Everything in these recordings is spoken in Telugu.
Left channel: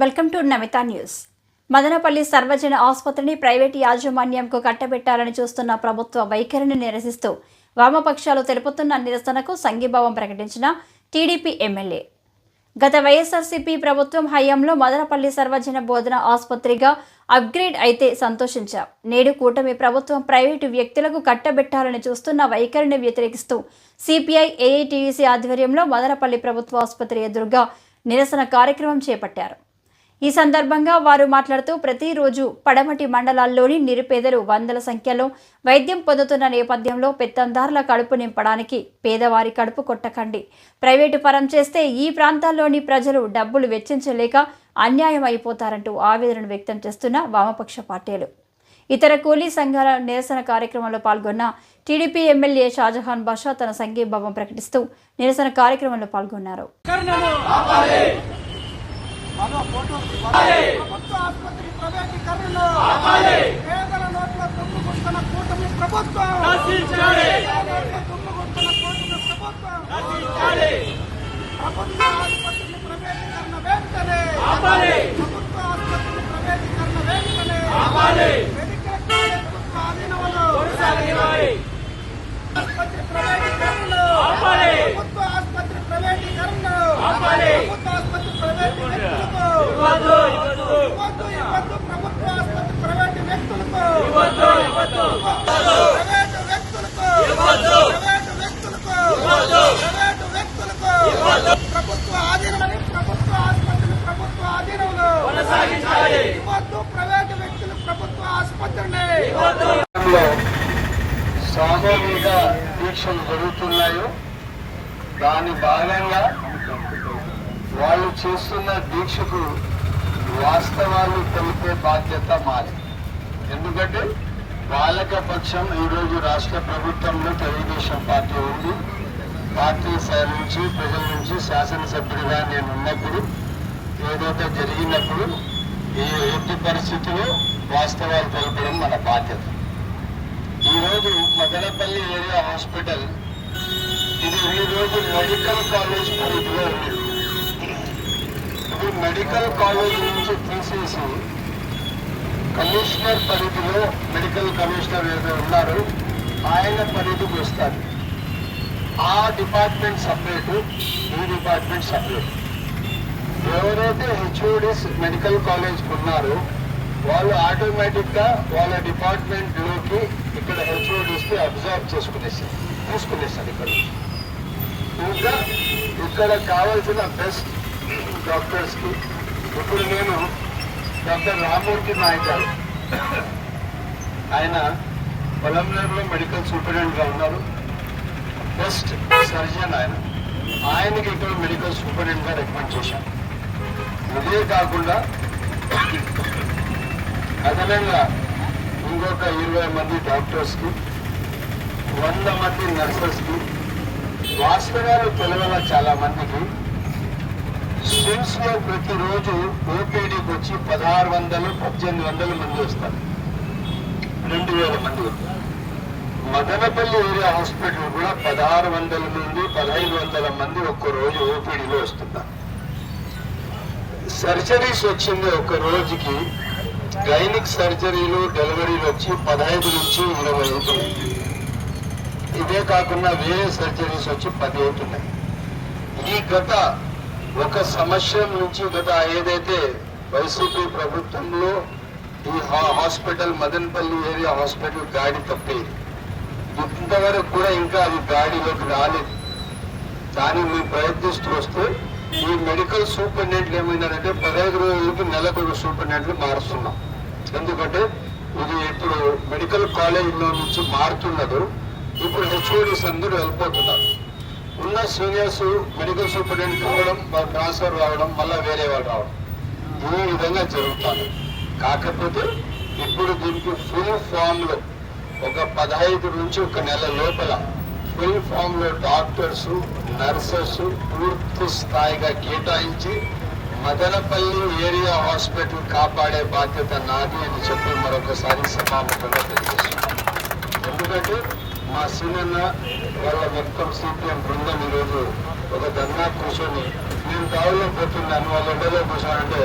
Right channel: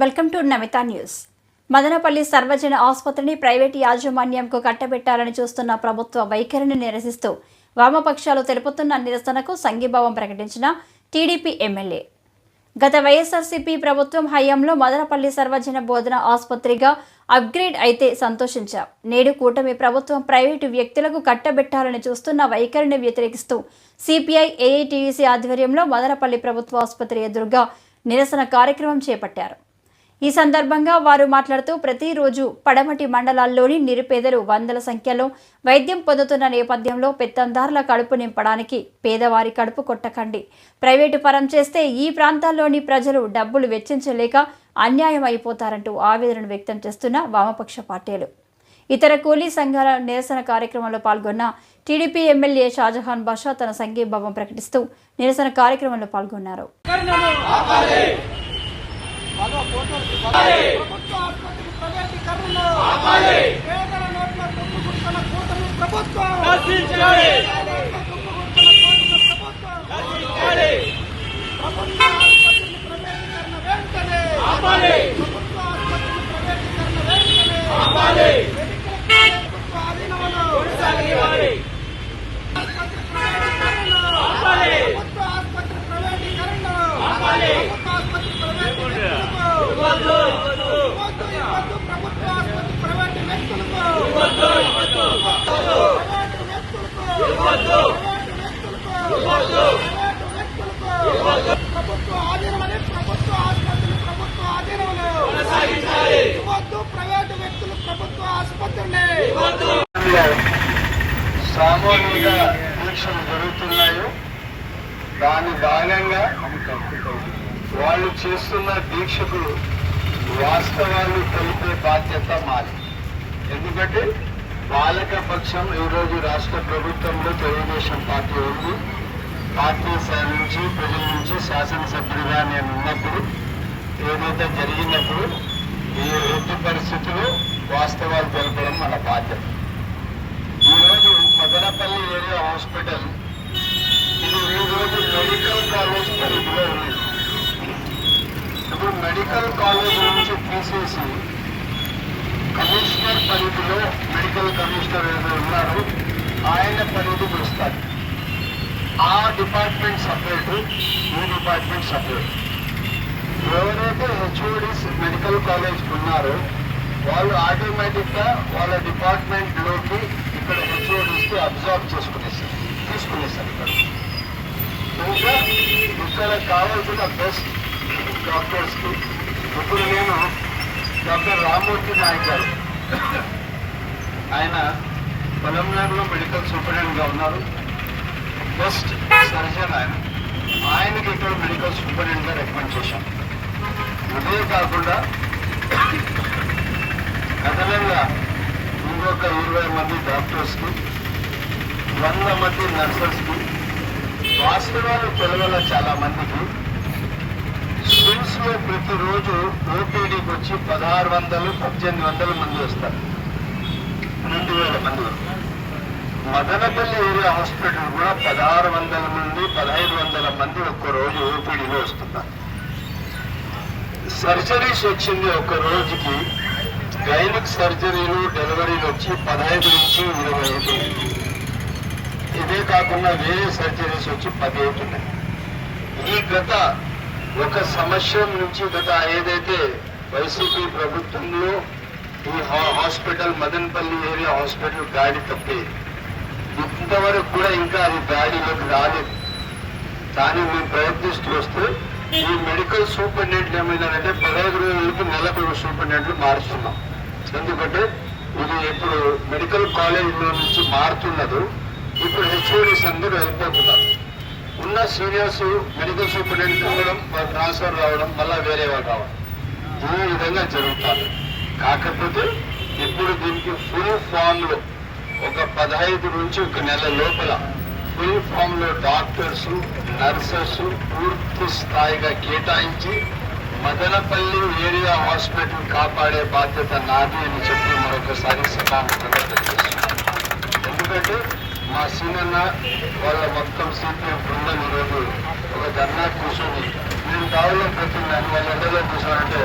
Welcome to Namitha news. Madanapalle సర్వజన ఆసుపత్రిని ప్రైవేటు యాజమాన్యంకు కట్టబెట్టాలని చూస్తున్న ప్రభుత్వ వైఖరిని నిరసిస్తూ వామపక్షాలు తెలుపుతున్న నిరసనకు సంఘీభావం ప్రకటించిన టీడీపీ ఎమ్మెల్యే. గత వైఎస్ఆర్సీపీ ప్రభుత్వం హయాంలో మదనపల్లి సర్వజన బోధన ఆసుపత్రిగా అప్గ్రేడ్ అయితే సంతోషించాం. నేడు కూటమి ప్రభుత్వం ప్రైవేటు వ్యక్తులకు కట్టబెట్టాలని చూస్తున్న వైఖరిని వ్యతిరేకిస్తూ సిపిఐ ఏఐటీయూసీ ఆధ్వర్యంలో మదనపల్లి ప్రభుత్వ ఆసుపత్రి ఎదురుగా నిరసన కార్యక్రమం చేపట్టారు. ఈ సందర్భంగా వారు మాట్లాడుతూ ప్రతిరోజు పడమటి మండలాల్లోని నిరుపేదలు వందల సంఖ్యలో వైద్యం పొందుతున్న నేపథ్యంలో పెత్తందారుల కడుపు నింపడానికి పేదవారి కడుపు కొట్టకండి. ప్రైవేటు పరం చేస్తే ఈ ప్రాంతాల్లోని ప్రజలు డబ్బులు వెచ్చించలేక అన్యాయం అయిపోతారంటూ ఆవేదన వ్యక్తం చేస్తున్న వామపక్ష పార్టీలు. ఇతర కూలీ సంఘాల నిరసన కార్యక్రమంలో పాల్గొన్న టీడీపీ ఎమ్మెల్యే షాజహాన్ బాషా తన సంఘీభావం ప్రకటిస్తూ నిరసన కార్యక్రమంలో పాల్గొన్నారు. ప్రభుత్వ ఆసుపత్రి ప్రైవేటీకరణ పేదల నోట్ల దుమ్ము కొడుతున్న కూటమి ప్రభుత్వం. కొడుతున్న కూటమి ప్రభుత్వం. ప్రభుత్వ ఆసుపత్రిని ప్రైవేటీకరణ వెంటనే. ప్రభుత్వ ఆసుపత్రిని ప్రైవేటీకరణ వెంటనే మెడికల్ కాలేజ్కు ఆధీనంలో ఆసుపత్రి ప్రైవేటీకరణ ప్రభుత్వ ఆసుపత్రి ప్రైవేటీకరణ ప్రభుత్వ ఆసుపత్రి ప్రైవేటీకరణ ఇవ్వద్దు ఇవ్వద్దు ప్రభుత్వ ఆసుపత్రి ప్రైవేటు వ్యక్తులకు ఇవ్వద్దు ఇవ్వద్దు ప్రైవేటు వ్యక్తులకు ఇవ్వద్దు ప్రైవేటు వ్యక్తులకు ఇవ్వద్దు ప్రైవేటు వ్యక్తులకు ఇవ్వద్దు ప్రభుత్వ ఆధీనంలోని ప్రభుత్వ ఆసుపత్రిని ప్రభుత్వ ఆధీనంలో కొనసాగించాలి ఇవ్వద్దు ప్రైవేటు వ్యక్తులు ప్రభుత్వ ఆసుపత్రిని ఇవ్వద్దు లో సామూహిక దీక్షలు జరుగుతున్నాయో దాని భాగంగా వాళ్ళు చేస్తున్న దీక్షకు వాస్తవాన్ని తెలిపే బాధ్యత మాది. ఎందుకంటే బాలక పక్షం ఈరోజు రాష్ట్ర ప్రభుత్వంలో తెలుగుదేశం పార్టీ ఉంది. పార్టీ సార్ నుంచి ప్రజల నుంచి శాసనసభ్యుడిగా నేను ఉన్నప్పుడు ఏదైతే జరిగినప్పుడు ఈ ఎట్టి పరిస్థితుల్లో వాస్తవాలు తెలపడం మన బాధ్యత. ఈరోజు మదనపల్లి ఏరియా హాస్పిటల్ ఇది ఈ రోజు మెడికల్ కాలేజ్ పరిధిలో ఉంది. ఇది మెడికల్ కాలేజ్ నుంచి తీసేసి కమిషనర్ పరిధిలో మెడికల్ కమిషనర్ ఎవరు ఉన్నారు ఆయన పరిధికి వస్తారు. ఆ డిపార్ట్మెంట్ సపరేటు ఈ డిపార్ట్మెంట్ సపరేట్. ఎవరైతే హెచ్ఓడిస్ మెడికల్ కాలేజ్కి ఉన్నారో వాళ్ళు ఆటోమేటిక్గా వాళ్ళ డిపార్ట్మెంట్లోకి ఇక్కడ హెచ్ఓడిస్కి అబ్జర్వ్ చేసుకునేసారు తీసుకునేసారు ఇక్కడ. ఇంకా ఇక్కడ కావాల్సిన బెస్ట్ డాక్టర్స్కి ఇప్పుడు నేను డాక్టర్ రామ్మూర్తి నాయక్ గారు. ఆయన పొలంనేరులో మెడికల్ సూపరింటెండెంట్గా ఉన్నారు. బెస్ట్ సర్జన్ ఆయన. ఆయనకి ఇక్కడ మెడికల్ సూపరింటెండెంట్గా రికమెండ్ చేశాం. ఇదే కాకుండా అదనంగా ఇంకొక ఇరవై మంది డాక్టర్స్కి వంద మంది నర్సెస్కి వాస్తవాలు తెలవల చాలా మందికి స్విమ్స్లో ప్రతిరోజు ఓపీడీకి వచ్చి పదహారు వందలు పద్దెనిమిది వందల మంది వస్తారు. రెండు వేల మంది. మదనపల్లి ఏరియా హాస్పిటల్ కూడా పదహారు వందల నుండి పదహైదు వందల మంది ఒక్క రోజు ఓపీడీలో వస్తున్నారు. సర్జరీస్ వచ్చింది ఒక రోజుకి గైనిక్ సర్జరీలు డెలివరీలు వచ్చి పదహైదు నుంచి ఇరవై ఐదు. ఇదే కాకుండా వేరే సర్జరీస్ వచ్చి పది అవుతున్నాయి ఈ గత ఒక సంవత్సరం నుంచి గత ఏదైతే వైసీపీ ప్రభుత్వంలో ఈ హా- హాస్పిటల్ మదనపల్లి ఏరియా హాస్పిటల్ గాడి తప్పి. ఇంతవరకు కూడా ఇంకా అది గాడిలోకి రాలేదు. దాన్ని మేము ప్రయత్నిస్తూ వస్తే ఈ మెడికల్ సూపరింటెండెంట్ ఏమైందంటే పదహైదు రోజులకు నెలకు సూపరింటెండెంట్లు మారుస్తున్నాం. ఎందుకంటే ఇది ఇప్పుడు మెడికల్ కాలేజీలో నుంచి మారుతున్నదు. ఇప్పుడు హెచ్ఓడిస్ అందరూ వెళ్ళిపోతున్నారు. ఉన్న సీనియర్స్ మెడికల్ సూపరింటెండెంట్ రావడం ట్రాన్స్ఫర్ రావడం మళ్ళీ వేరే వాళ్ళు రావడం. ఈ విధంగా జరుగుతుంది. కాకపోతే ఇప్పుడు దీనికి ఫుల్ ఫామ్లో ఒక పదహైదు నుంచి ఒక నెల లోపల ఫుల్ ఫామ్లో డాక్టర్స్ నర్సెస్ పూర్తి స్థాయిగా కేటాయించి మదనపల్లి ఏరియా హాస్పిటల్ కాపాడే బాధ్యత నాది అని చెప్పి మరొకసారి సభాముఖంగా తెలియజేస్తున్నాను. ఎందుకంటే మా సీనన్న వాళ్ళ మొత్తం సిపిఎం బృందం ఈరోజు ఒక ధర్నా కూర్చొని మేము కావాలని పోతున్నాను వాళ్ళ ఎండలో కూర్చోనంటే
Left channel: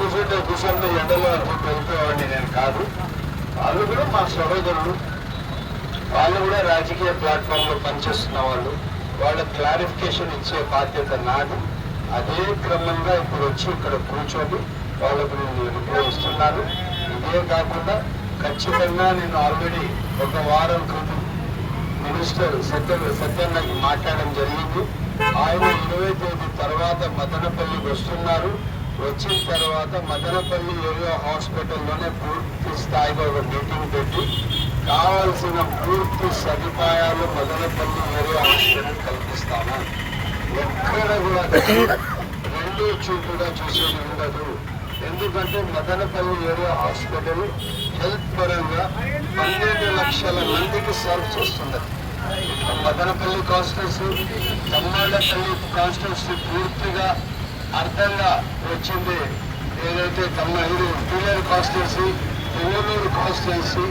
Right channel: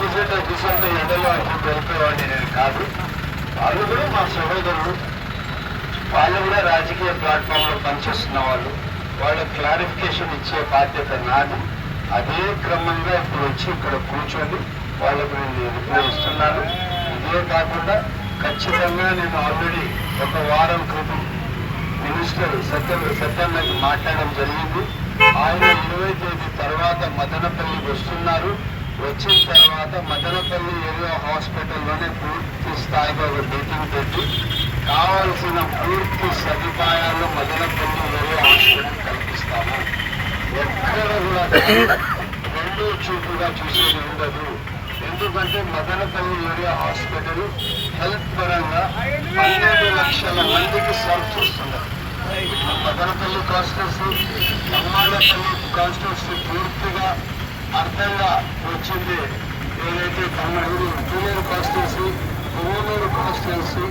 కూర్చుంటే కూర్చుంటే ఎండలో అంతా వెళ్ళిపోయేవాడిని నేను కాదు. వాళ్ళు కూడా మా సహోదరుడు వాళ్ళు కూడా రాజకీయ ప్లాట్ఫామ్లో పనిచేస్తున్న వాళ్ళు వాళ్ళ క్లారిఫికేషన్ ఇచ్చే బాధ్యత నాది. అదే క్రమంగా ఇప్పుడు వచ్చి ఇక్కడ కూర్చొని వాళ్ళకు నేను రిప్లై ఇదే కాకుండా ఖచ్చితంగా నేను ఆల్రెడీ ఒక వారం క్రితం మినిస్టర్ సత్యం సత్యాన్నకి మాట్లాడడం జరిగింది. ఆయన ఇరవై తేదీ తర్వాత మదనపల్లికి వస్తున్నారు. వచ్చిన తర్వాత మదనపల్లి ఏరియా హాస్పిటల్లోనే పూర్తి స్థాయిలో ఒక మీటింగ్ పెట్టి కావలసిన పూర్తి సదుపాయాలు మదనపల్లి ఏరియా హాస్పిటల్ కల్పిస్తాను. ఎక్కడ కూడా రెండు చూపుగా చూసేది ఉండదు. ఎందుకంటే మదనపల్లి ఏరియా హాస్పిటల్ హెల్త్ పరంగా పన్నెండు లక్షల మందికి సర్వ్ చేస్తున్నది. మదనపల్లి కాన్స్టిట్యూన్సీ కమ్మాళ్ళపల్లి కాన్స్టిట్యూన్సీ పూర్తిగా అర్థంగా వచ్చింది. ఏదైతే కమ్మ ఇది టూలేరు కాన్స్టిట్యూన్సీ పువ్వనూరు కాన్స్టిట్యూన్సీ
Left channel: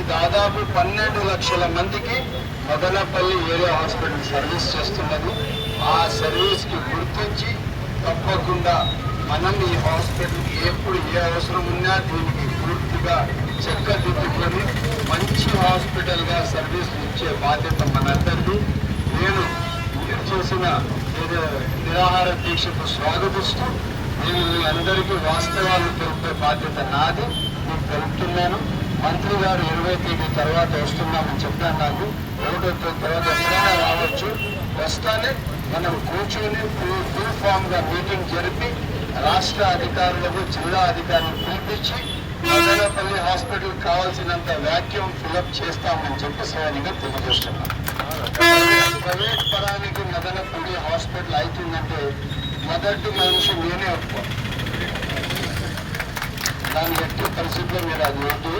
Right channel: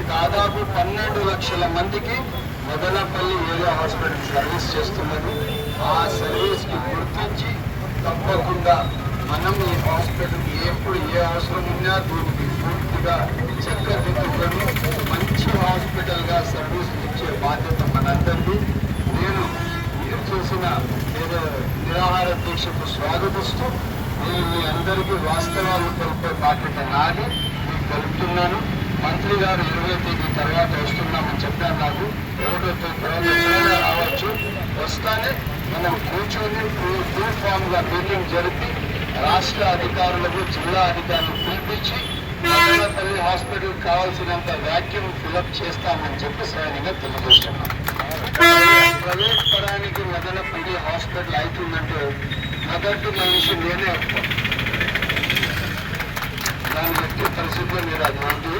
దాదాపు పన్నెండు లక్షల మందికి మదనపల్లి ఏరియా హాస్పిటల్ సర్వీస్ చేస్తున్నది. ఆ సర్వీస్కి గుర్తించి తప్పకుండా మనం ఈ హాస్పిటల్ ఎప్పుడు ఏ అవసరం ఉన్నా దీనికి పూర్తిగా చెక్కదిద్దుకొని మంచి హాస్పిటల్గా సర్వీస్ ఇచ్చే బాధ్యత మనందరిది. నేను మీరు చేసిన ఏదో నిరాహార దీక్షకు స్వాగతిస్తూ నేను మీ అందరికీ వాస్తవాలు తెలిపే బాధ్యత నాది. మీకు తెలుపుతున్నాను. మంత్రి గారు ఇరవై తేదీ తర్వాత వస్తున్నామని చెప్పాను నాకు. ఒకటో తేదీ తర్వాత ఎప్పుడైనా రావచ్చు. వస్తానే మనం కూర్చొని ఫుల్ ఫామ్గా మీటింగ్ జరిపి రాష్ట్ర అధికారులకు జిల్లా అధికారులకు పిలిపించి మదనపల్లి హాస్పిటల్ కావాల్సినంత వ్యాక్యూమ్ ఫిలప్ చేస్తామని చెప్పి శ్రేణిగా తెలియజేస్తున్నాం. ప్రైవేట్ పరానికి మదనపల్లి హాస్పిటల్ అవుతుందంటే మొదటి మనిషి నేనే. దాన్ని ఎట్టి పరిస్థితుల్లో మీరు అది వద్దు.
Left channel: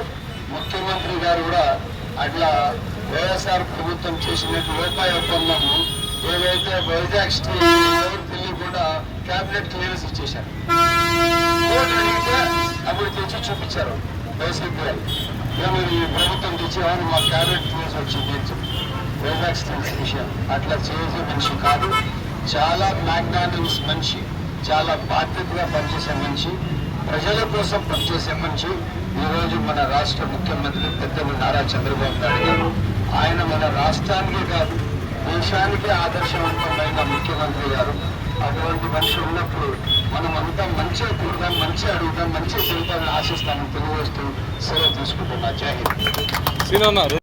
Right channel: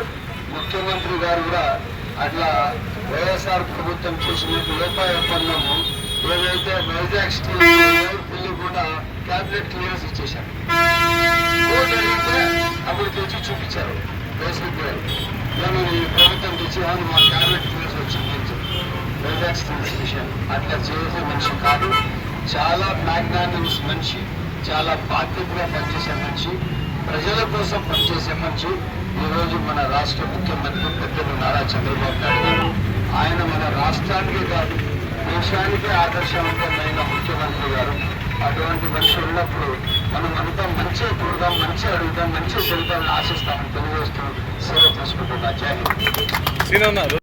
ముఖ్యమంత్రి గారు కూడా అట్లా వైఎస్ఆర్ ప్రభుత్వం చేసినట్టు రూపాయి ఒప్పందము ఏదైతే వైజాగ్ స్టీల్ పిల్లి కూడా క్యాబినెట్ క్లియరెన్స్ ఇచ్చేశారు. కోర్టు అడిగితే అప్పుడు తెచ్చి చూపించారు వైసీపీ మేము ఈ ప్రభుత్వం తెచ్చి మా క్యాబినెట్ క్లియరెన్స్ వచ్చింది వైజాగ్ స్టీల్స్ అట్లా చేసే మనిషి కాదు. చాలా మ్యాగ్నానిమస్ మనిషి చాలా బాధ్యతగా పనిచేసే మనిషి ప్రజల కోసం పనిచేసే మనిషి ఈరోజు మన రాష్ట్ర ముఖ్యమంత్రి పెద్దలు నారా చంద్రబాబు నాయుడు గారు ఆయన మన రాష్ట్రానికే కాదు దేశానికే ఆదర్శవంతమైన ముఖ్యమంత్రి గారు. అటువంటి మనిషి ఉన్నప్పుడు మనం అంతా మంచిగా కూడదాం మంచిగా అడుగుదాం మంచి ఫలితాలను ఆశిస్తామని తెలియజేస్తూ సేవ తీసుకుంటున్నా. జై